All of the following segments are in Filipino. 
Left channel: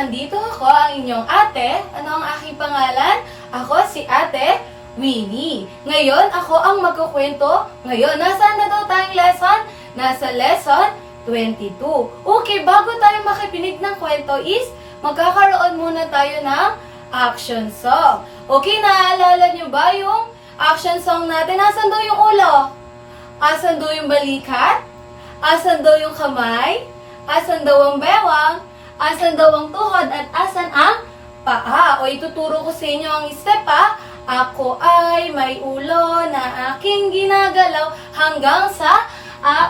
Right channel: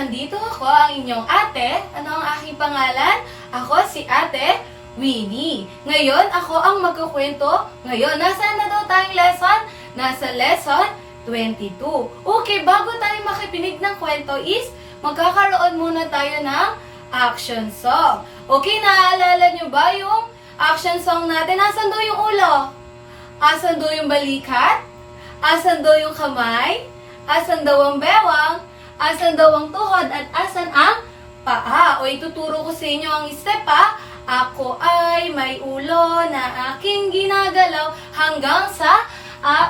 andito ako, ang inyong ate. Ano ang aking pangalan? Ako si Ate Winnie. Ngayon, ako ang magkukwento. Ngayon, nasaan na daw tayong lesson? Nasa lesson 22. Okay, bago tayo makipinig ng kwento is, magkakaroon muna tayo ng action song. Okay, naaalala nyo ba yung action song natin? Asan daw yung ulo? Asan daw yung balikat? Asan daw yung kamay? Asan daw ang bewang? Asan daw ang tuhod? At asan ang paa? O ituturo ko sa inyo ang step ha. Ako ay may ulo na aking ginagalaw hanggang sa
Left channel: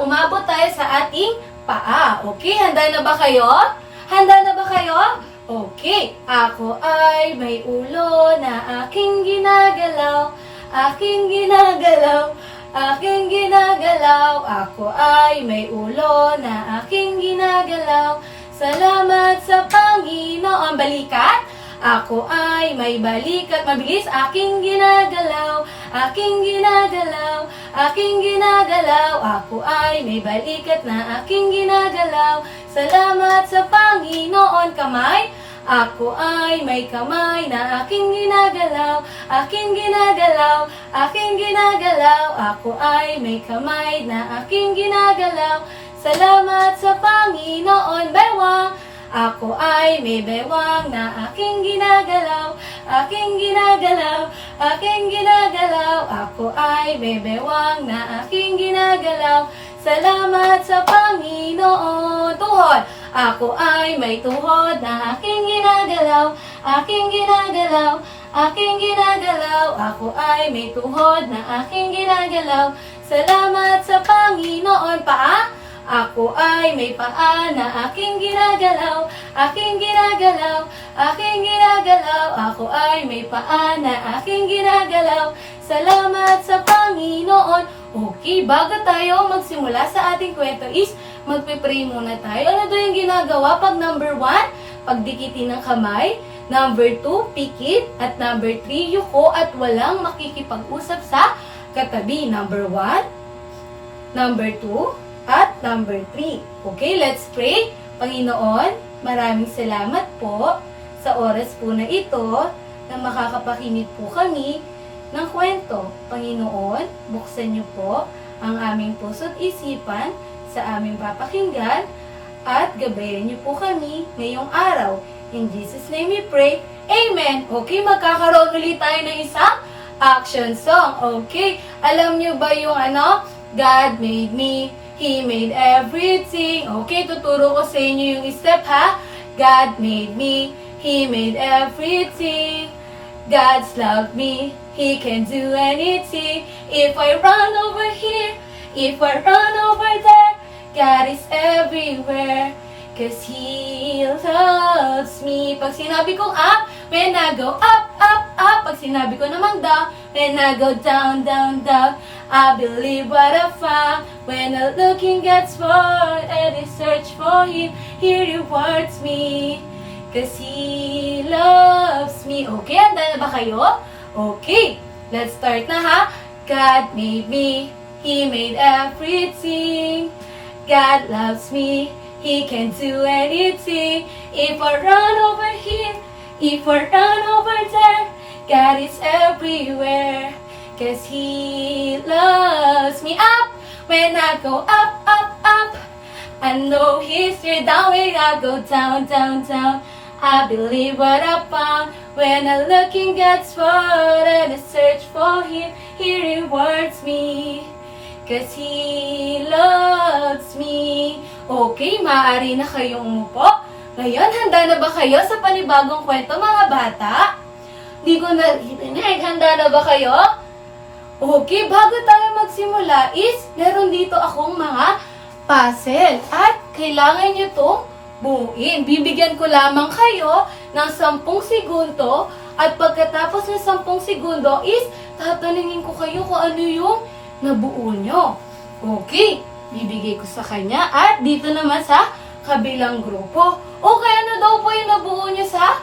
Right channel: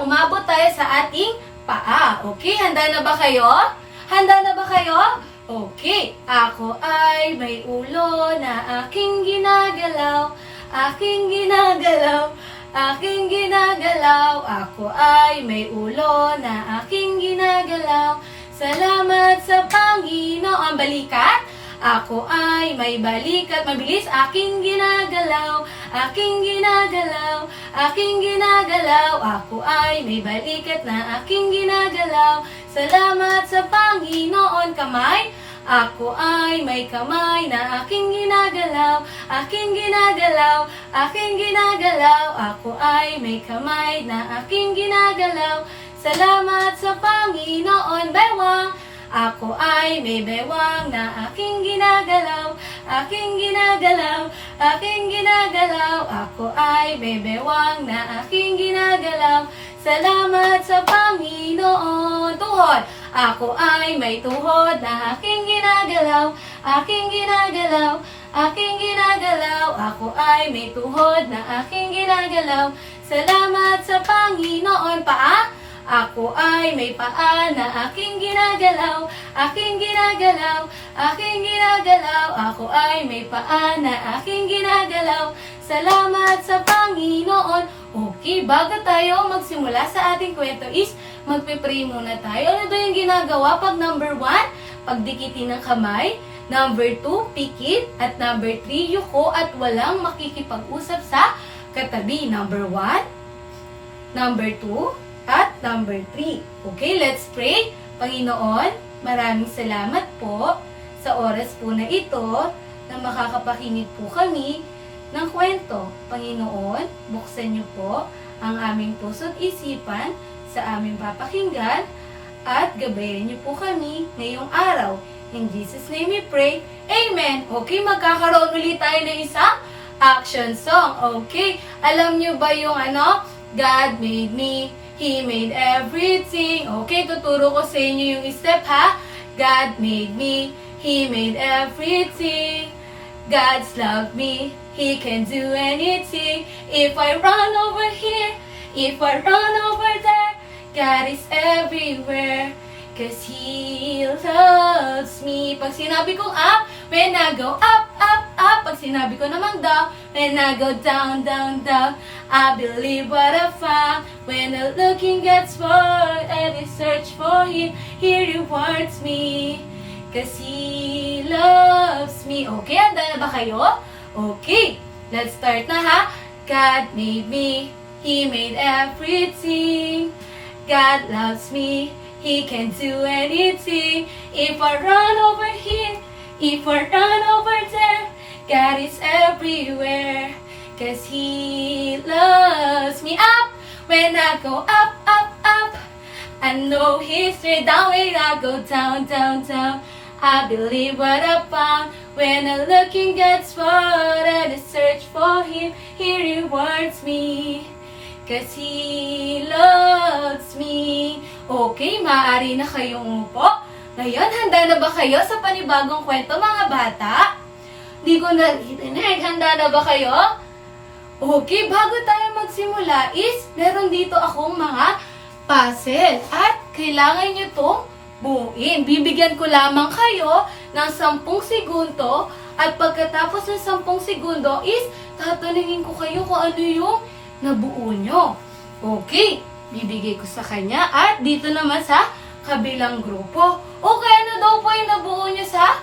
umabot tayo sa ating paa. Okay, handa na ba kayo? Handa na ba kayo? Okay, ako ay may ulo na aking ginagalaw, aking ginagalaw, aking ginagalaw. Ako ay may ulo na aking ginagalaw. Salamat sa Panginoon. Balikat. Ako ay may balikat. Mabilis. Aking ginagalaw, aking ginagalaw, aking ginagalaw. Ako ay may balikat na aking ginagalaw. Salamat sa Panginoon. Kamay. Ako ay may kamay na aking ginagalaw, aking ginagalaw, aking ginagalaw. Ako ay may kamay na aking ginagalaw. Salamat sa Panginoon. Bewang. Ako ay may bewang na aking ginagalaw, aking ginagalaw, aking ginagalaw. Ako ay may bewang na aking ginagalaw. Salamat sa Panginoon. Tuhod. Ako ay may tuhod na aking ginagalaw, aking ginagalaw, aking ginagalaw. Ako ay may tuhod na aking ginagalaw. Salamat sa Panginoon. Paa. Ako ay may paa na aking ginagalaw, aking ginagalaw, aking ginagalaw. Ako ay may paa na aking ginagalaw. Salamat sa Panginoon. Okay, bago tayo magsimula sa ating kwento is, magpe-pray muna tayo. Ano ba yung ginagawa pag number 1? Pagdikitin ng kamay. Number 2, pikit. At number 3, yuko at walang makikipag-usap sa katabi. Number 1, number 2, at number 3. Okay, let's pray. Panginoon, maraming salamat po sa oras po na ito na makakapakinig po kami ng kwento. Panginoon, buksan niyo po ang aming puso't isipan sa aming papakinggan at gabayan niyo po kami ngayong araw. In Jesus' name we pray. Amen. Okay, magkakaroon ulit tayo ng isang action song. Okay, alam niyo ba yung God made me, He made everything. Okay, tuturo ko sa inyo yung step ha. God made me, He made everything. God's loved me, He can do anything. If I run over here, if I run over there, God is everywhere. Cause He loves me. Pag sinabi kong up, when I go up, up, up. Pag sinabi ko naman down, when I go down, down, down. I believe what I found. When the looking gets bored and I search for Him, He rewards me. Cause He loves me. Okay, handa na ba kayo? Okay, let's start na ha. God made me, He made everything. God loves me, He can do anything. If I run over here, if I run over there, God is everywhere. Cause He loves me. Up, when I go up, up, up. I know He's there. Down, when I go down, down, down. I believe what I found. When the looking gets bored and I search for Him, He rewards me. Cause He loves me. Okay, maaari na kayong umupo. Ngayon, handa na ba kayo sa panibagong kwento, mga bata? Di ko narinig. Handa na ba kayo? Okay, bago tayo magsimula is, meron dito akong mga puzzle. At kailangan nyo itong buuin. Bibigyan ko lamang kayo ng 10 segundo. At pagkatapos ng 10 segundo is, tatanungin ko kayo kung ano yung nabuo nyo. Okay, bibigay ko sa kanya. At dito naman sa kabilang grupo. Okay, ano daw po yung nabuo nyo sa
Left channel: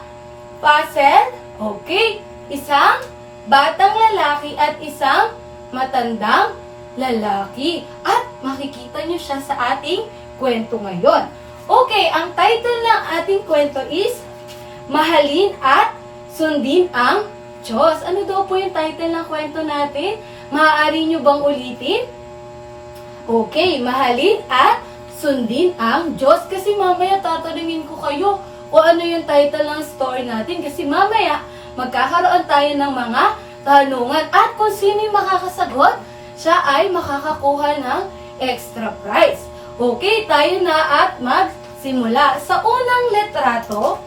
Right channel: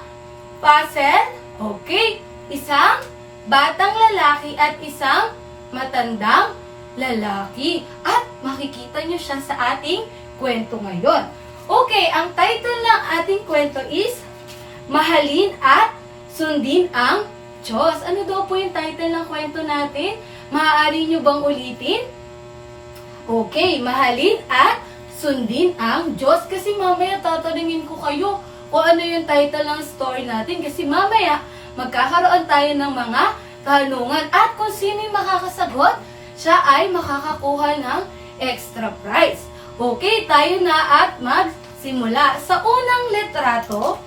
puzzle? Okay, isang batang lalaki at isang matandang lalaki. At makikita nyo siya sa ating kwento ngayon. Okay, ang title ng ating kwento is Mahalin at sundin ang Diyos. Ano daw po yung title ng kwento natin? Maaari nyo bang ulitin? Okay, mahalin at sundin ang Diyos. Kasi mamaya tatanungin ko kayo kung ano yung title ng story natin. Kasi mamaya magkakaroon tayo ng mga tanungan. At kung sino yung makakasagot, siya ay makakakuha ng extra prize. Okay, tayo na at magsimula. Sa unang litrato,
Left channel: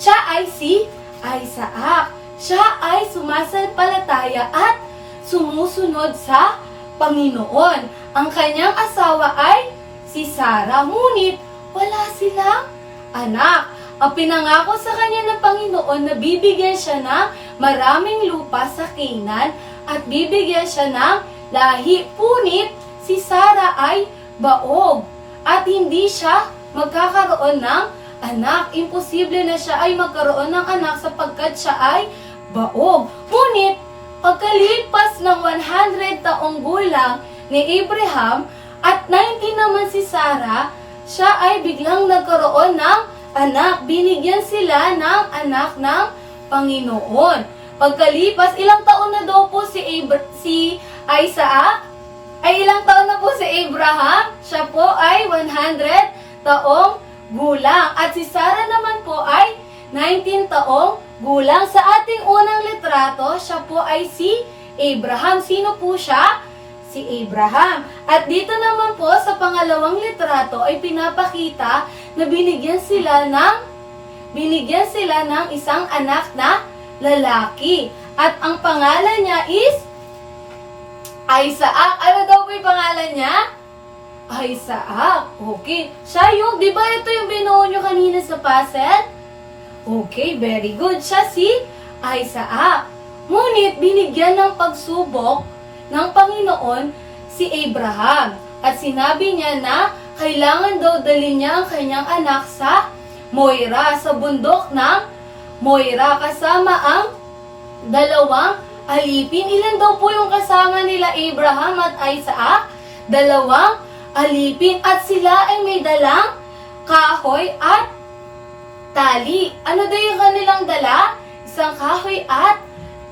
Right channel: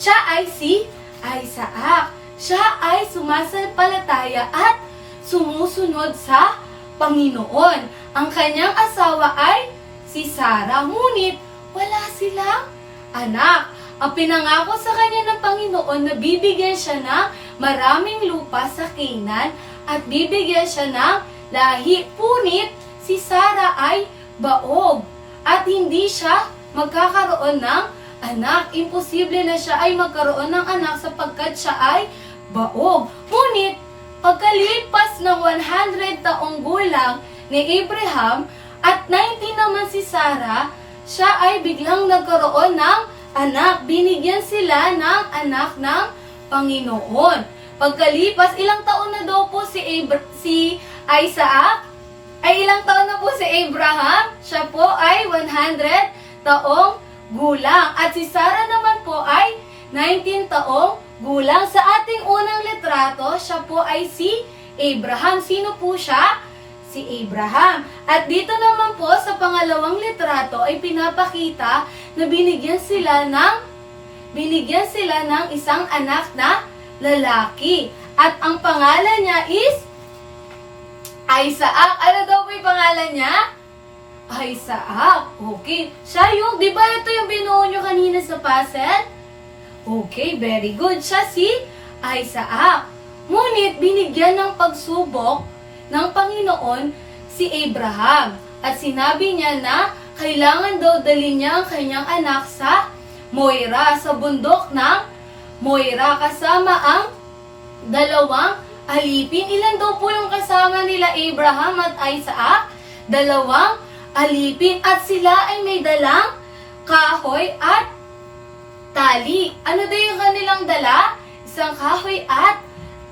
siya ay si Isaac. Siya ay sumasampalataya at sumusunod sa Panginoon. Ang kanyang asawa ay si Sarah, ngunit wala silang anak. Ang pinangako sa kanya ng Panginoon na bibigyan siya ng maraming lupa sa Canaan at bibigyan siya ng lahi. Ngunit si Sarah ay baog at hindi siya magkakaroon ng anak. Imposible na siya ay magkaroon ng anak sapagkat siya ay baog. Ngunit, pagkalipas ng 100 taong gulang ni Abraham at 90 naman si Sarah, siya ay biglang nagkaroon ng anak. Binigyan sila ng anak ng Panginoon. Pagkalipas, ilang taon na daw po si Isaac? Ay ilang taon na po si Abraham? Siya po ay 100 taong gulang. At si Sarah naman po ay 19 taong gulang. Sa ating unang litrato, siya po ay si Abraham. Sino po siya? Si Abraham. At dito naman po sa pangalawang litrato ay pinapakita na binigyan sila ng isang anak na lalaki. At ang pangalan niya is Isaac. Ano daw po yung pangalan niya? Isaac. Okay. Siya yung, di ba ito yung binuo nyo kanina sa puzzle? Okay, very good. Siya si Isaac. Ngunit binigyan ng pagsubok ng Panginoon si Abraham. At sinabi niya na kailangan daw dalhin niya ang kanyang anak sa Moira, sa bundok ng Moira, kasama ang dalawang alipin. Ilan daw po yung kasama nila Abraham at Isaac? Dalawang alipin. At sila ay may dalang kahoy at tali. Ano daw yung kanilang dala? Isang kahoy at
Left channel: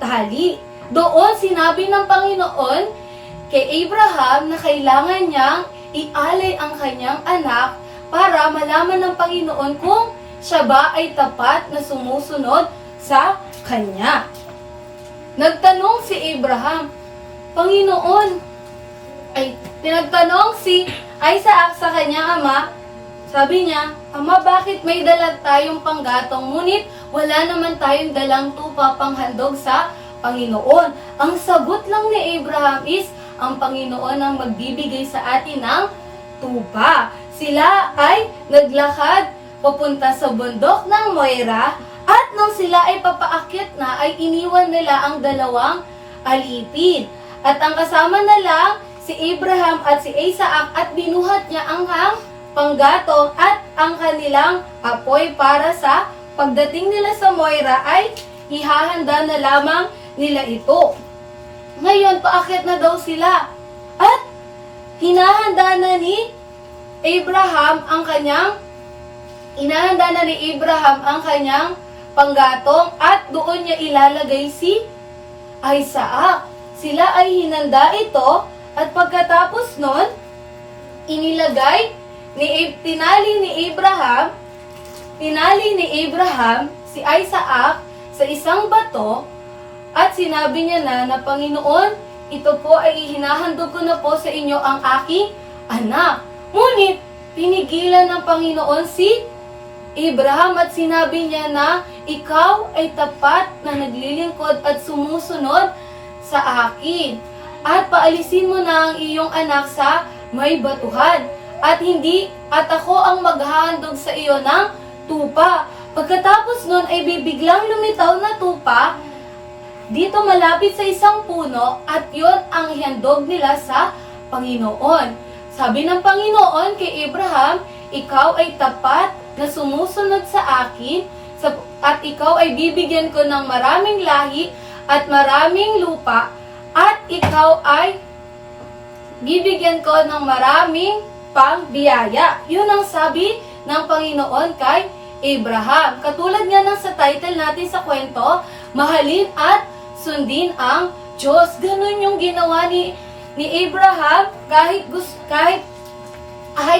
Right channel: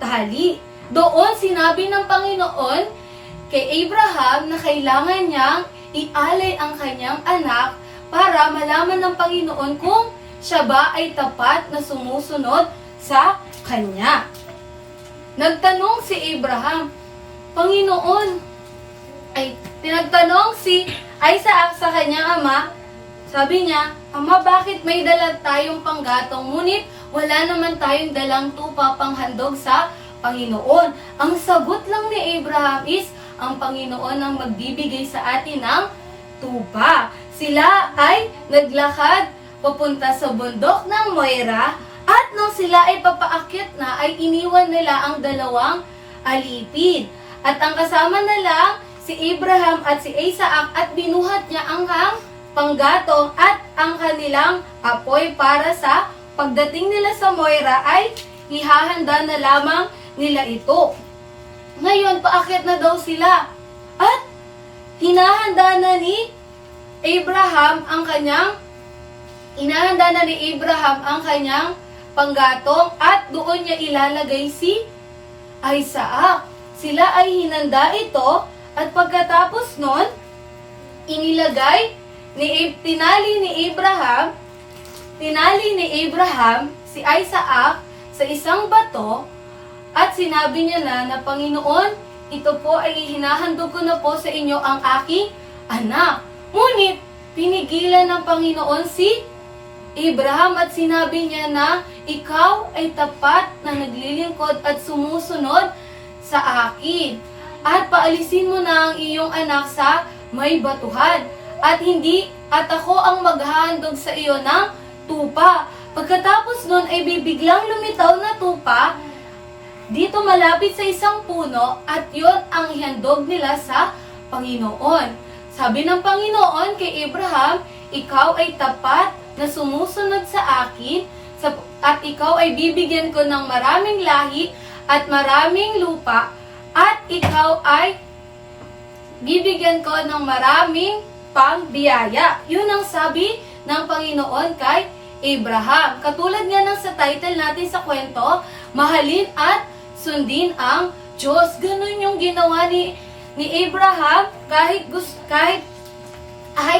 tali. Doon sinabi ng Panginoon kay Abraham na kailangan niyang ialay ang kanyang anak para malaman ng Panginoon kung siya ba ay tapat na sumusunod sa kanya. Nagtanong si Abraham, Panginoon, tinagtanong si Isaac sa kanyang ama. Sabi niya, Ama, bakit may dala tayong panggatong, ngunit wala naman tayong dalang tupa panghandog sa Panginoon? Ang sagot lang ni Abraham is, ang Panginoon ang magbibigay sa atin ng tupa. Sila ay naglakad papunta sa bundok ng Moira, at nung sila ay papaakyat na, ay iniwan nila ang dalawang alipin. At ang kasama na lang si Abraham at si Isaac, at binuhat niya ang panggatong at ang kanilang apoy para sa pagdating nila sa Moira ay ihahanda na lamang nila ito. Ngayon, paakyat na daw sila at hinahanda na ni Abraham ang kanyang panggatong at doon niya ilalagay si Isaac. Sila ay hinanda ito at pagkatapos nun, tinali ni Abraham si Isaac sa isang bato at sinabi niya na Panginoon, ito po ay hinahandog ko na po sa inyo ang aking anak. Ngunit, pinigilan ng Panginoon si Abraham at sinabi niya na ikaw ay tapat na naglilingkod at sumusunod sa akin. At paalisin mo na ang iyong anak sa may batuhan. At ako ang maghahandog sa iyo ng tupa. Pagkatapos nun ay bibiglang lumitaw na tupa dito malapit sa isang puno at yon ang ihandog nila sa Panginoon. Sabi ng Panginoon kay Abraham, ikaw ay tapat na sumusunod sa akin at ikaw ay bibigyan ko ng maraming lahi at maraming lupa at ikaw ay bibigyan ko ng maraming pangbiyaya. Yun ang sabi ng Panginoon kay Abraham. Katulad nga ng sa title natin sa kwento, mahalin at sundin ang Diyos. Ganun yung ginawa ni Abraham kahit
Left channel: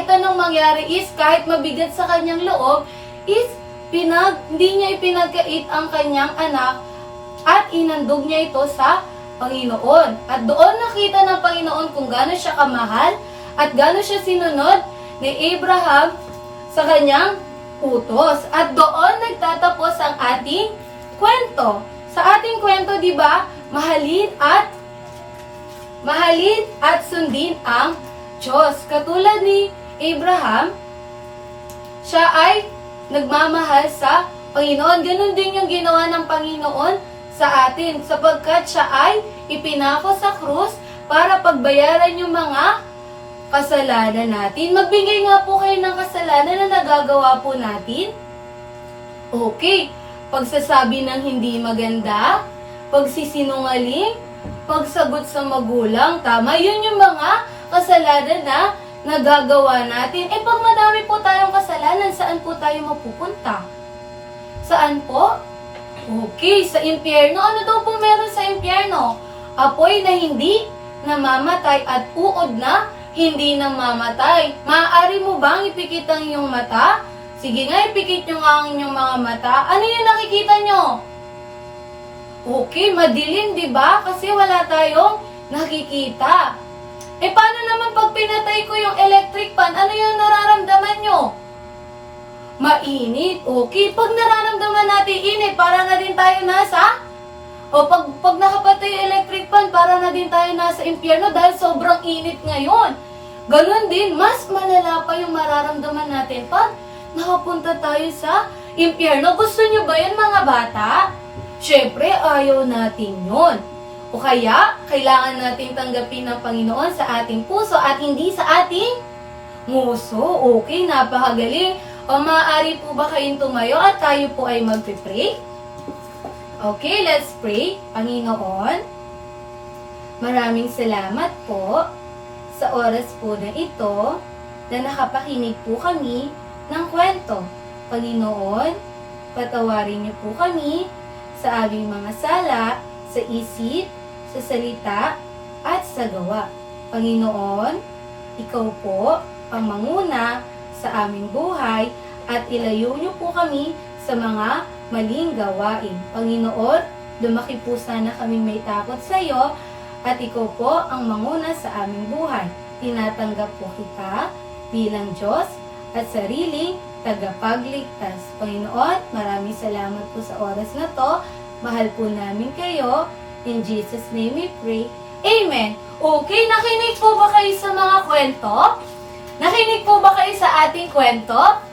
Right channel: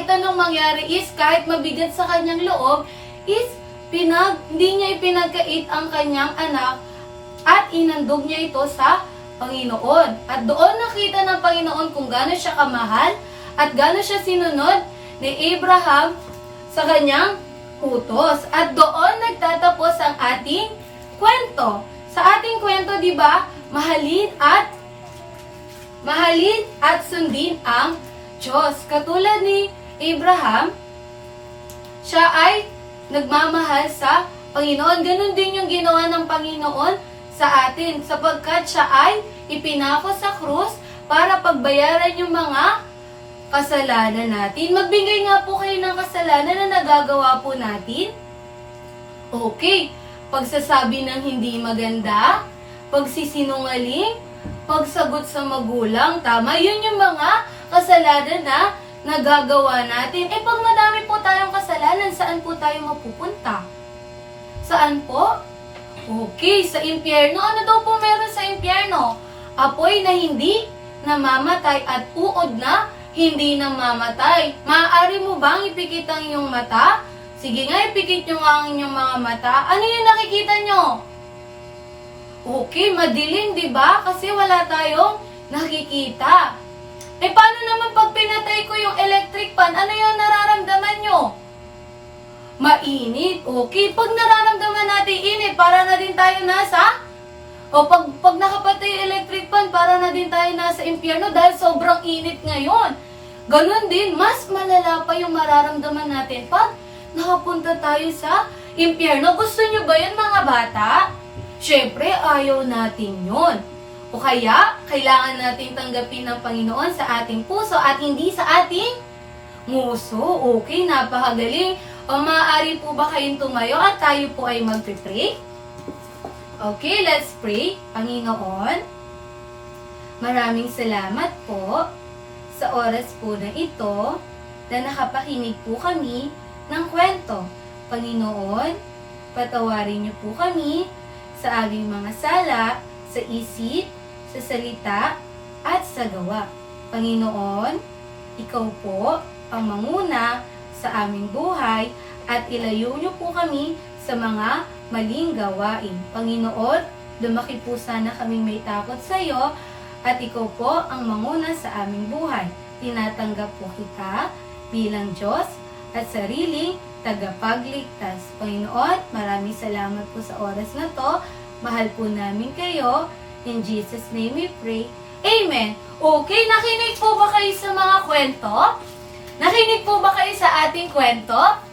anong mangyari is, kahit mabigat sa kanyang loob, is hindi niya ipinagkait ang kanyang anak at inandog niya ito sa Panginoon. At doon nakita ng Panginoon kung gaano siya kamahal at gaano siya sinunod ni Abraham sa kanyang utos. At doon nagtatapos ang ating kwento. Sa ating kwento, di ba, mahalin at sundin ang Diyos. Katulad ni Abraham, siya ay nagmamahal sa Panginoon. Ganon din yung ginawa ng Panginoon sa atin, sapagkat siya ay ipinako sa krus para pagbayaran yung mga kasalanan natin. Magbigay nga po kayo ng kasalanan na nagagawa po natin. Okay, pagsasabi ng hindi maganda, pagsisinungaling, pagsagot sa magulang, tama, yun yung mga kasalanan na nagagawa natin. Pag madami po tayong kasalanan, saan po tayo mapupunta? Saan po? Okay, sa impyerno. Ano daw po meron sa impyerno? Apoy na hindi namamatay at uod na hindi namamatay. Maaari mo bang ipikit ang iyong mata? Sige nga, ipikit nyo nga ang inyong mga mata. Ano yung nakikita nyo? Okay, madilim, di ba? Kasi wala tayong nakikita. Paano naman pag pinatay ko yung electric fan? Ano yung nararamdaman nyo? Mainit. Okay, pag nararamdaman natin init, para na din tayo nasa? Pag nakapatay yung electric fan, para na din tayo nasa impyerno dahil sobrang init ngayon. Ganon din, mas malala pa yung mararamdaman natin pag nakapunta tayo sa impyerno. Gusto nyo ba yun, mga bata? Syempre, ayaw natin yun. O kaya, kailangan natin tanggapin ng Panginoon sa ating puso at hindi sa ating nguso. Okay, napakagaling. O maaari po ba kayong tumayo at tayo po ay magpipray? Okay, let's pray. Panginoon, maraming salamat po sa oras po na ito na nakapakinig po kami ng kwento. Panginoon, patawarin niyo po kami sa aming mga sala, sa isip, sa salita, at sa gawa. Panginoon, ikaw po ang manguna sa aming buhay at ilayo niyo po kami sa mga maling gawain. Panginoon, lumaki po sana kami may takot sa iyo at ikaw po ang manguna sa aming buhay. Tinatanggap po kita bilang Diyos at sariling tagapagligtas. Panginoon, maraming salamat po sa oras na to. Mahal po namin kayo. In Jesus' name we pray. Amen. Okay, nakinig po ba kayo sa mga kwento? Nakinig po ba kayo sa ating kwento?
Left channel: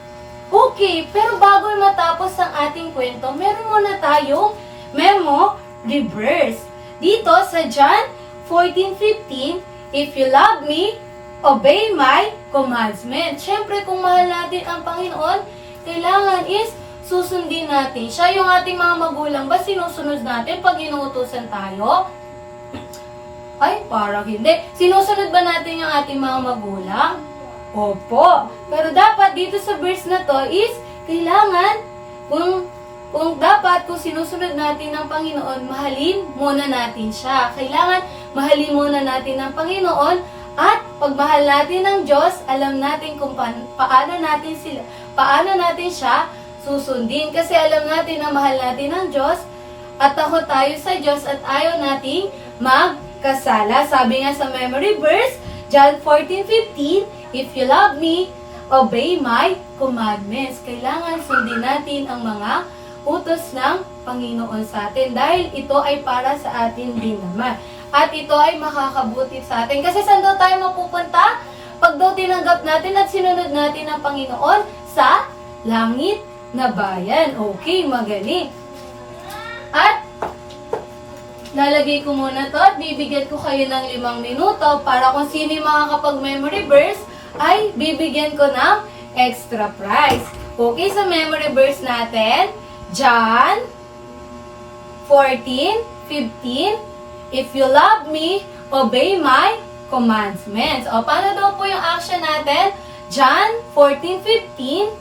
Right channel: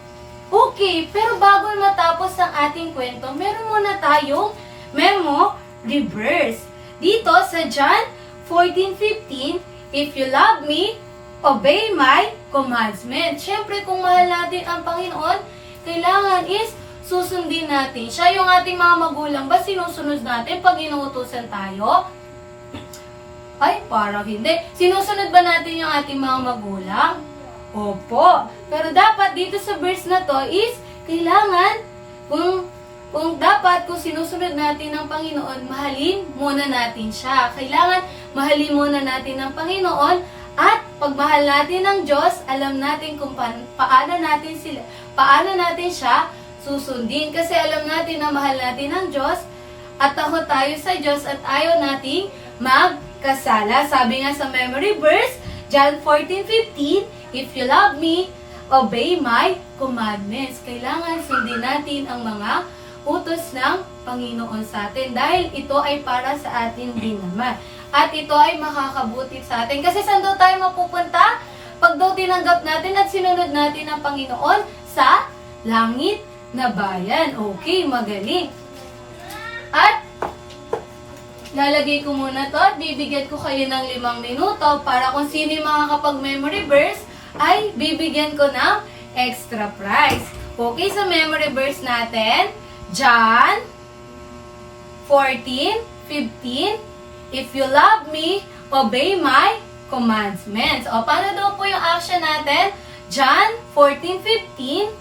Okay, pero bago matapos ang ating kwento, meron muna tayong memo reverse. Dito sa John 14:15, if you love me, obey my commandments. Siyempre, kung mahal natin ang Panginoon, kailangan is susundin natin siya. Yung ating mga magulang ba sinusunod natin pag inuutusan tayo? Ay, parang hindi. Sinusunod ba natin yung ating mga magulang? Opo. Pero dapat dito sa verse na to is kailangan kung sinusunod natin ng Panginoon, mahalin muna natin siya. Kailangan mahalin muna natin ng Panginoon at pagmahal natin ng Diyos, alam natin kung paano natin siya susundin. Kasi alam natin na mahal natin ng Diyos at takot tayo sa Diyos at ayaw nating magkasala. Sabi nga sa memory verse, John 14:15, if you love me, obey my commandments. Kailangan sundin natin ang mga utos ng Panginoon sa atin dahil ito ay para sa atin din naman. At ito ay makakabuti sa atin. Kasi saan daw tayo mapupunta? Pag daw tinanggap natin at sinunod natin ang Panginoon sa langit na bayan. Okay, magaling. At lalagay ko muna to at bibigyan ko kayo ng 5 minuto para kung sino yung makakapag-memory verse ay bibigyan ko ng extra prize. Okay, sa memory verse natin, John 14:15, if you love me, obey my commandments. O, paano daw po yung action natin? John 14:15,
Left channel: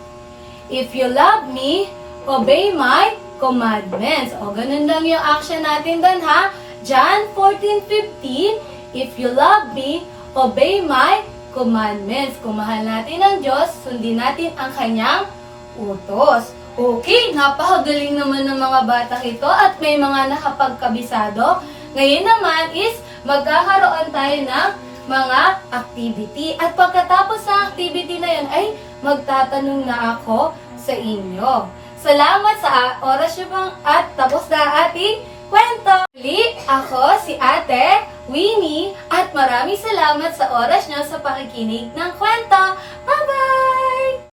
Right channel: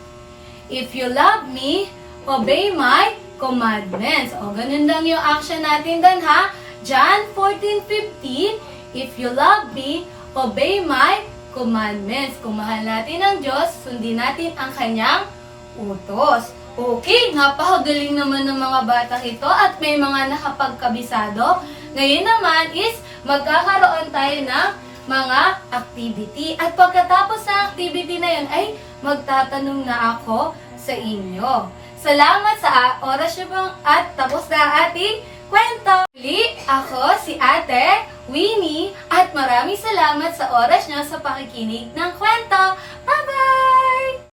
If you love me, obey my commandments. O, ganun lang yung action natin doon, ha? John 14:15, if you love me, obey my commandments. Kung mahal natin ang Diyos, sundin natin ang kanyang utos. Okay, napakagaling naman ng mga bata ito at may mga nakapagkabisado. Ngayon naman is magkakaroon tayo ng mga activity. At pagkatapos sa activity na yun ay magtatanong na ako sa inyo. Salamat sa oras nyo pang at tapos na ang ating kwento. Muli, ako si Ate Winnie at maraming salamat sa oras nyo sa pakikinig ng kwento. Bye-bye!